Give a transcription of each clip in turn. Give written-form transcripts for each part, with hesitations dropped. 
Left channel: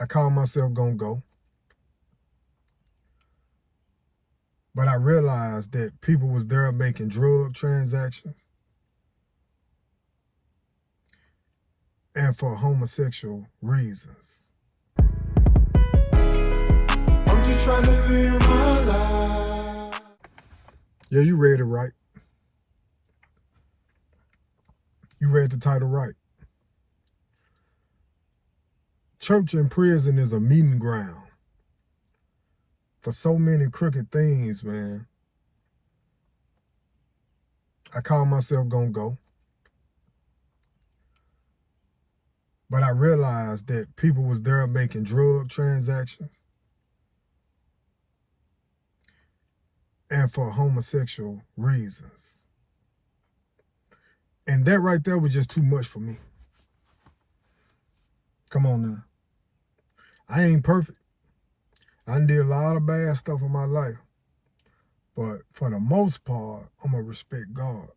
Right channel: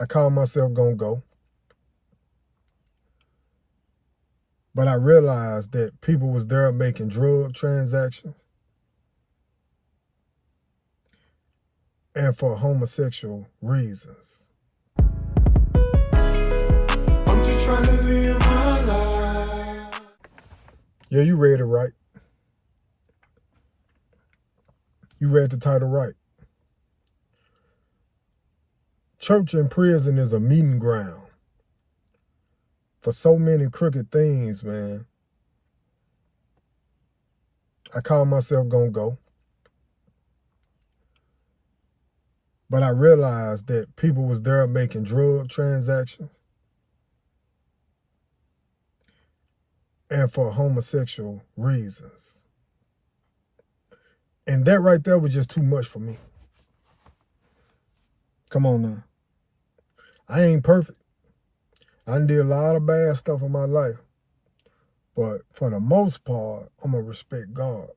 I called myself gonna go. But I realized that people was there making drug transactions and for homosexual reasons. I'm just trying to live my life. Yeah, you read it right. You read the title right. Church and prison is a meeting ground for so many crooked things, man. I call myself gonna go. But I realized that people was there making drug transactions and for homosexual reasons. And that right there was just too much for me. Come on now. I ain't perfect. I did a lot of bad stuff in my life. But for the most part, I'm going to respect God.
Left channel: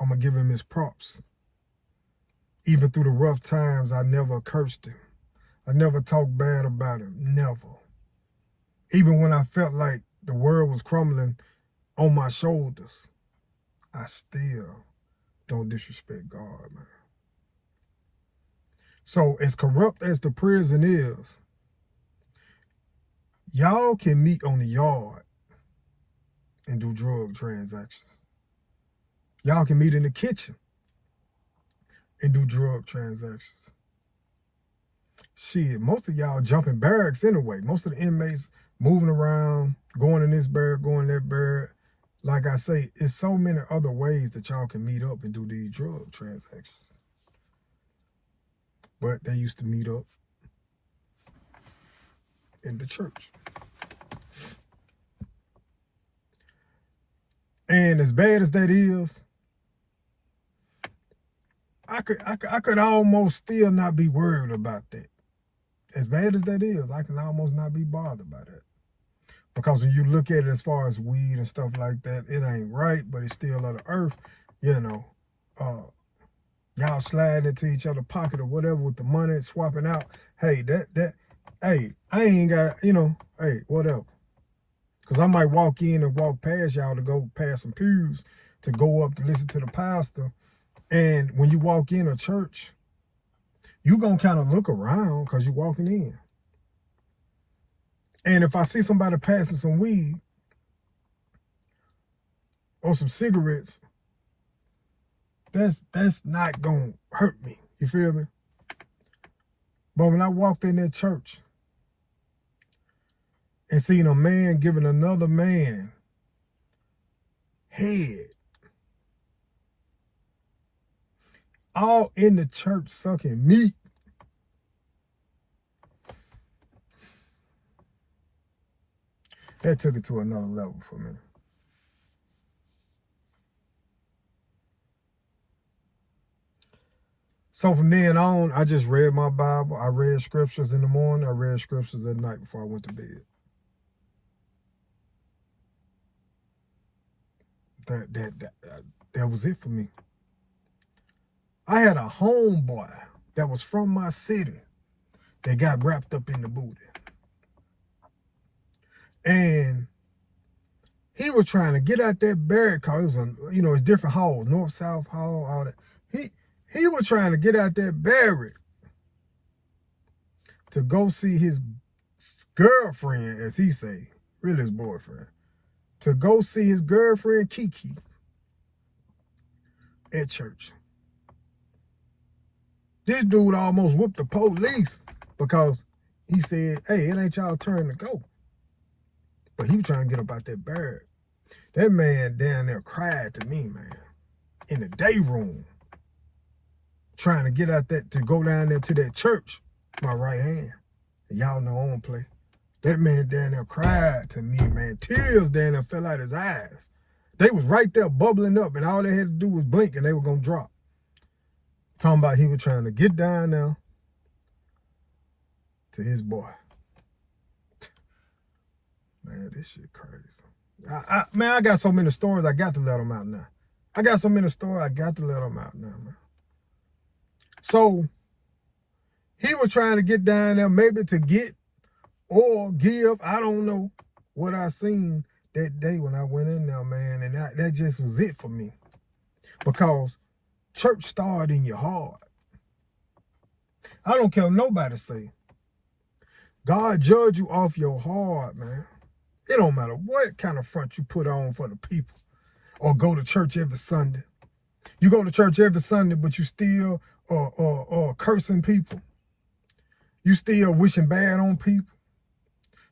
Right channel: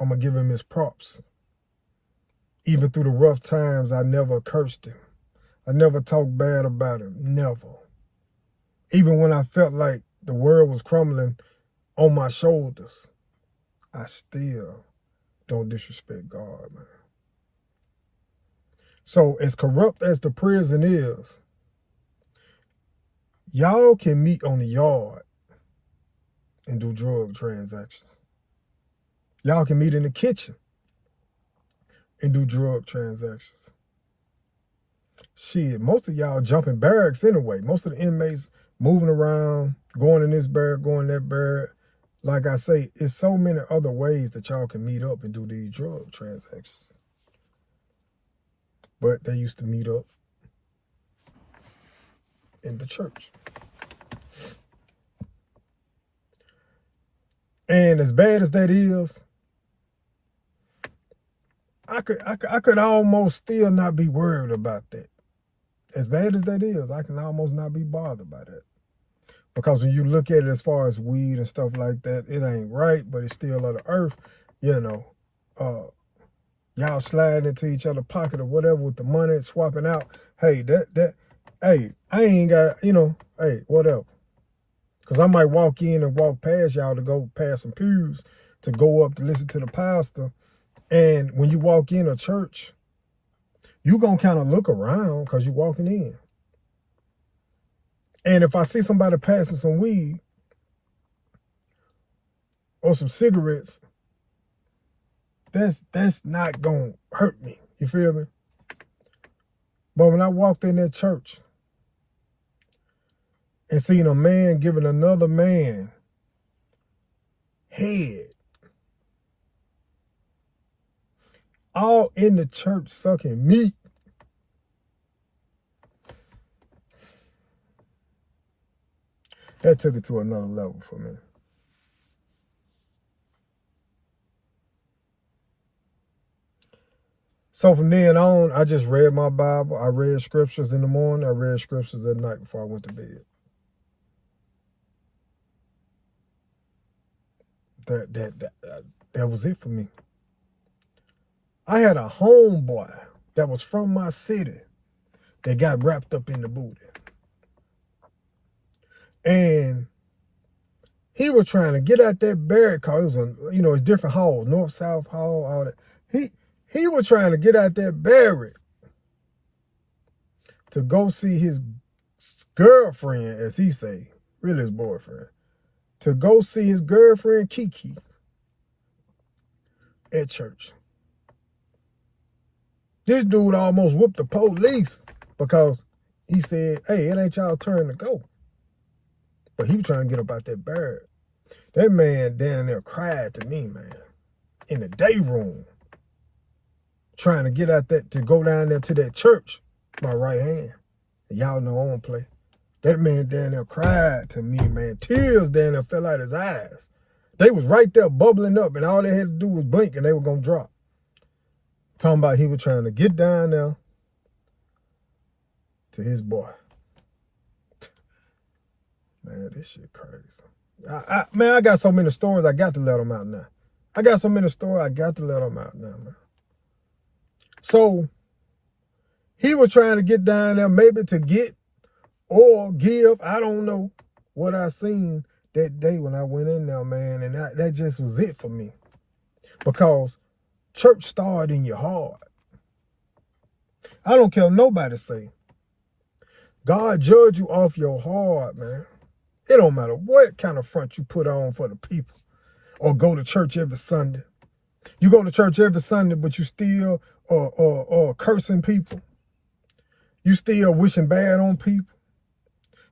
I'm going to give him his props. Even through the rough times, I never cursed him. I never talked bad about him. Never. Even when I felt like the world was crumbling on my shoulders, I still don't disrespect God, man. So as corrupt as the prison is, y'all can meet on the yard and do drug transactions. Y'all can meet in the kitchen and do drug transactions. Shit, most of y'all jumping barracks anyway. Most of the inmates moving around, going in this barrack, going in that barrack. Like I say, it's so many other ways that y'all can meet up and do these drug transactions. But they used to meet up in the church. And as bad as that is, I could almost still not be worried about that. As bad as that is, I can almost not be bothered by that. Because when you look at it as far as weed and stuff like that, it ain't right, but it's still of the earth. You know, y'all sliding into each other's pocket or whatever with the money, swapping out. Hey, hey, I ain't got, hey, whatever. Because I might walk in and walk past y'all to go past some pews, to go up to listen to the pastor. And when you walk in a church, you going to kind of look around because you're walking in. And if I see somebody passing some weed or some cigarettes, that's not going to hurt me. You feel me? But when I walked in that church and seen a man giving another man head, all in the church sucking meat, that took it to another level for me. So from then on, I just read my Bible. I read scriptures in the morning. I read scriptures at night before I went to bed. That was it for me. I had a homeboy that was from my city that got wrapped up in the booty. And he was trying to get out that barrack because it was it's different halls, north, south hall, all that. He was trying to get out that barrack to go see his girlfriend, as he say, really his boyfriend, to go see his girlfriend Kiki at church. This dude almost whooped the police because he said, hey, it ain't y'all turn to go. But he was trying to get up out that barrack. That man down there cried to me, man, in the day room, trying to get out that, to go down there to that church, my right hand. And y'all know I don't play. That man down there cried to me, man. Tears down there fell out his eyes. They was right there bubbling up, and all they had to do was blink, and they were going to drop. Talking about he was trying to get down there to his boy. Man, this shit crazy. Man, I got so many stories, I got to let them out now. I got so many stories, I got to let them out now, man. So, He was trying to get down there maybe to get or give. I don't know what I seen that day when I went in there, man. And that just was it for me. Because church started in your heart. I don't care what nobody say. God judge you off your heart, man. It don't matter what kind of front you put on for the people or go to church every Sunday. You go to church every Sunday, but you still cursing people. You still wishing bad on people.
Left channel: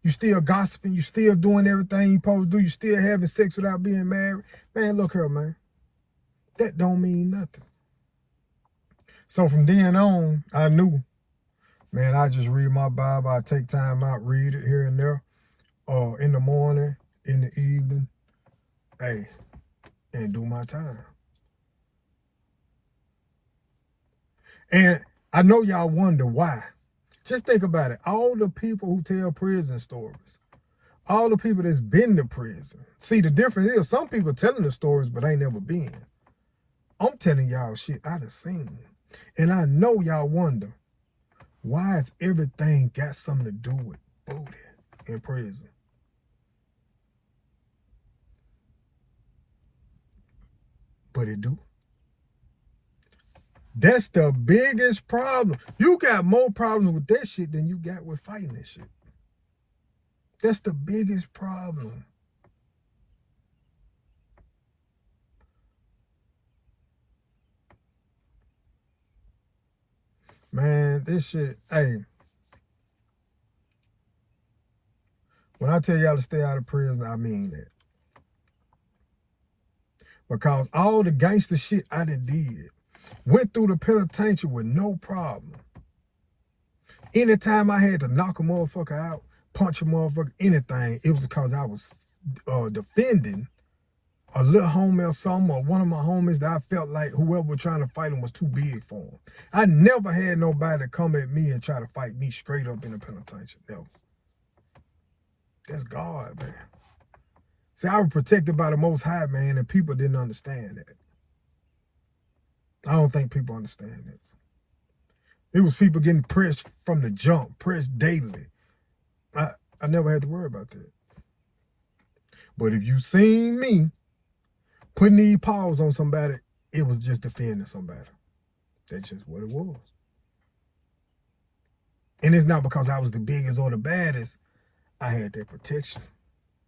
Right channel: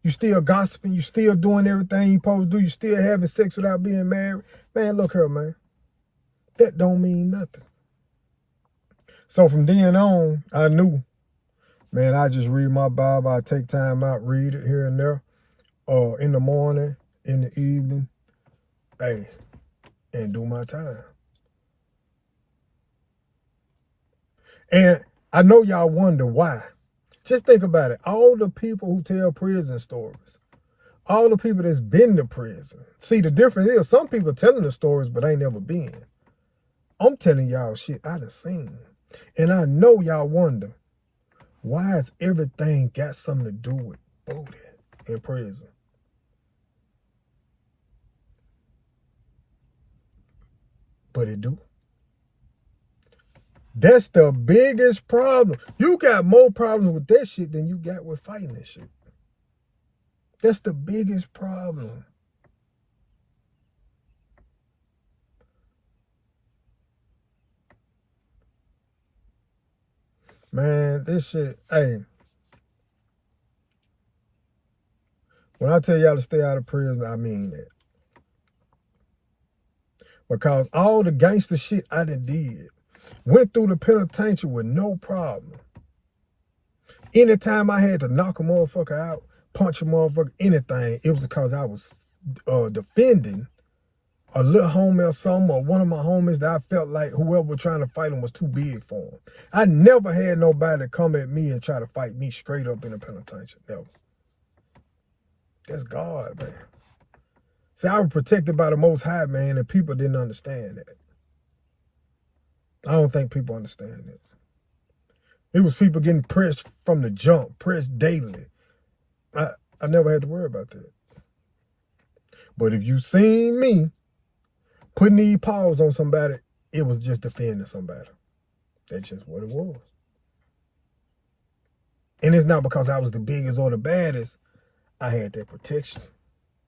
You still gossiping. You still doing everything you supposed to do. You still having sex without being married. Man, look here, man. That don't mean nothing. So from then on, I knew, man, I just read my Bible. I take time out, read it here and there. In the morning, in the evening, hey, and do my time. And I know y'all wonder why. Just think about it. All the people who tell prison stories, all the people that's been to prison. See, the difference is some people telling the stories, but ain't never been. I'm telling y'all shit I done seen. And I know y'all wonder, why has everything got something to do with booty in prison? But it do. That's the biggest problem. You got more problems with that shit than you got with fighting that shit. That's the biggest problem. Man, this shit, hey. When I tell y'all to stay out of prison, I mean that. Because all the gangster shit I done did, went through the penitentiary with no problem. Anytime I had to knock a motherfucker out, punch a motherfucker, anything, it was because I was defending a little homie or something, or one of my homies that I felt like whoever was trying to fight him was too big for him. I never had nobody come at me and try to fight me straight up in the penitentiary. Never. That's God, man. See, I was protected by the Most High, man, and people didn't understand that. I don't think people understand that. It was people getting pressed from the jump, pressed daily. I never had to worry about that. But if you seen me putting these paws on somebody, it was just defending somebody. That's just what it was. And it's not because I was the biggest or the baddest. I had that protection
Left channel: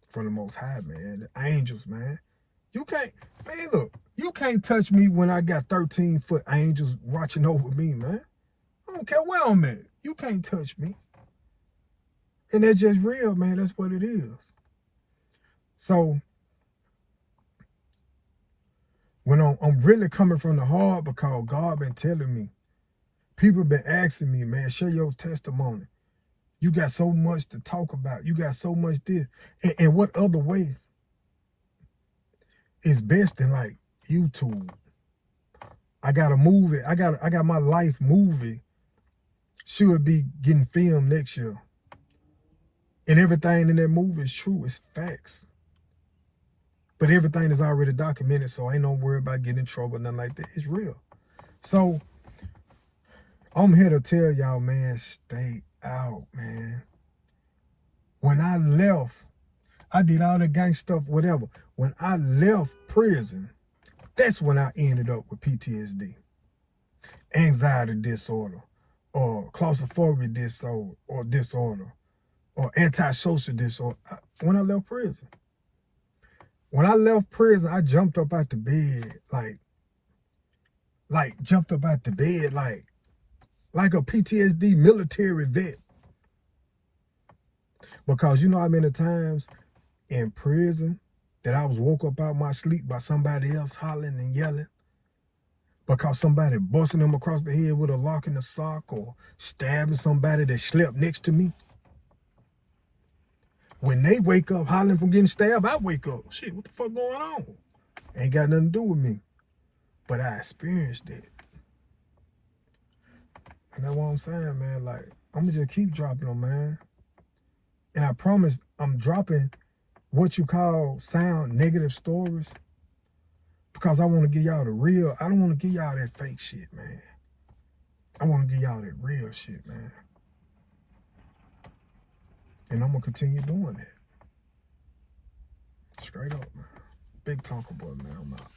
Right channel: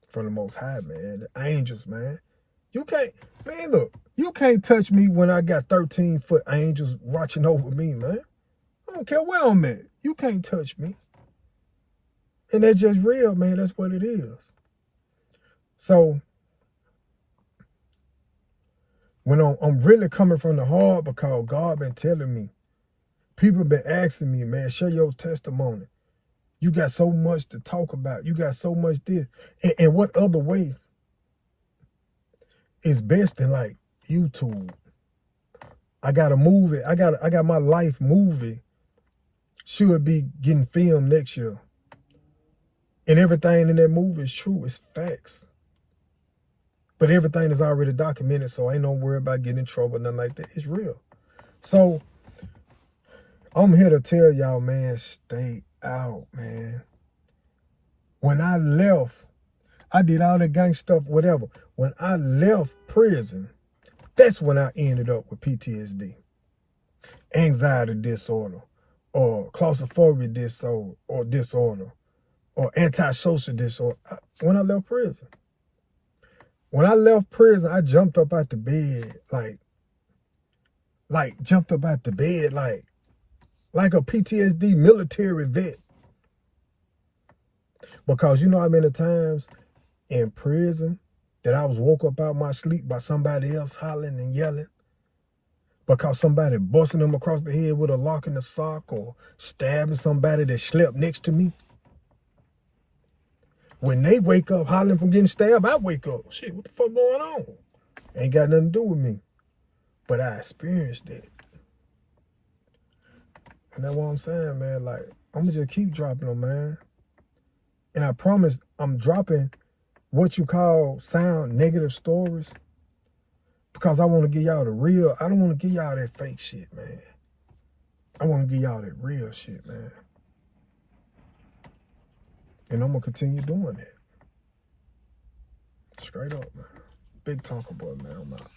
from the Most High, man. The angels, man. You can't, man, look, you can't touch me when I got 13-foot angels watching over me, man. I don't care where I'm at. You can't touch me. And that's just real, man. That's what it is. So, when I'm really coming from the heart because God been telling me, people been asking me, man, share your testimony. You got so much to talk about. You got so much this. And what other way is best than like YouTube? I got a movie. I got my life movie. Should be getting filmed next year. And everything in that movie is true. It's facts. But everything is already documented, so ain't no worry about getting in trouble, nothing like that. It's real. So, I'm here to tell y'all, man, stay out, man. When I left, I did all that gang stuff, whatever. When I left prison, that's when I ended up with PTSD, anxiety disorder, or claustrophobia disorder, or antisocial disorder. When I left prison. When I left prison, I jumped up out the bed, like jumped up out the bed, like a PTSD military vet. Because you know how many times in prison that I was woke up out my sleep by somebody else hollering and yelling because somebody busting them across the head with a lock in the sock or stabbing somebody that slept next to me. When they wake up hollering from getting stabbed, I wake up. Shit, what the fuck going on? Ain't got nothing to do with me. But I experienced it. And that's what I'm saying, man. Like, I'm going to just keep dropping them, man. And I promise I'm dropping what you call sound negative stories because I want to give y'all the real. I don't want to give y'all that fake shit, man. I want to give y'all that real shit, man. And I'm going to continue doing that. Straight up, man. Big Tonkaboyyyy, man. I'm out.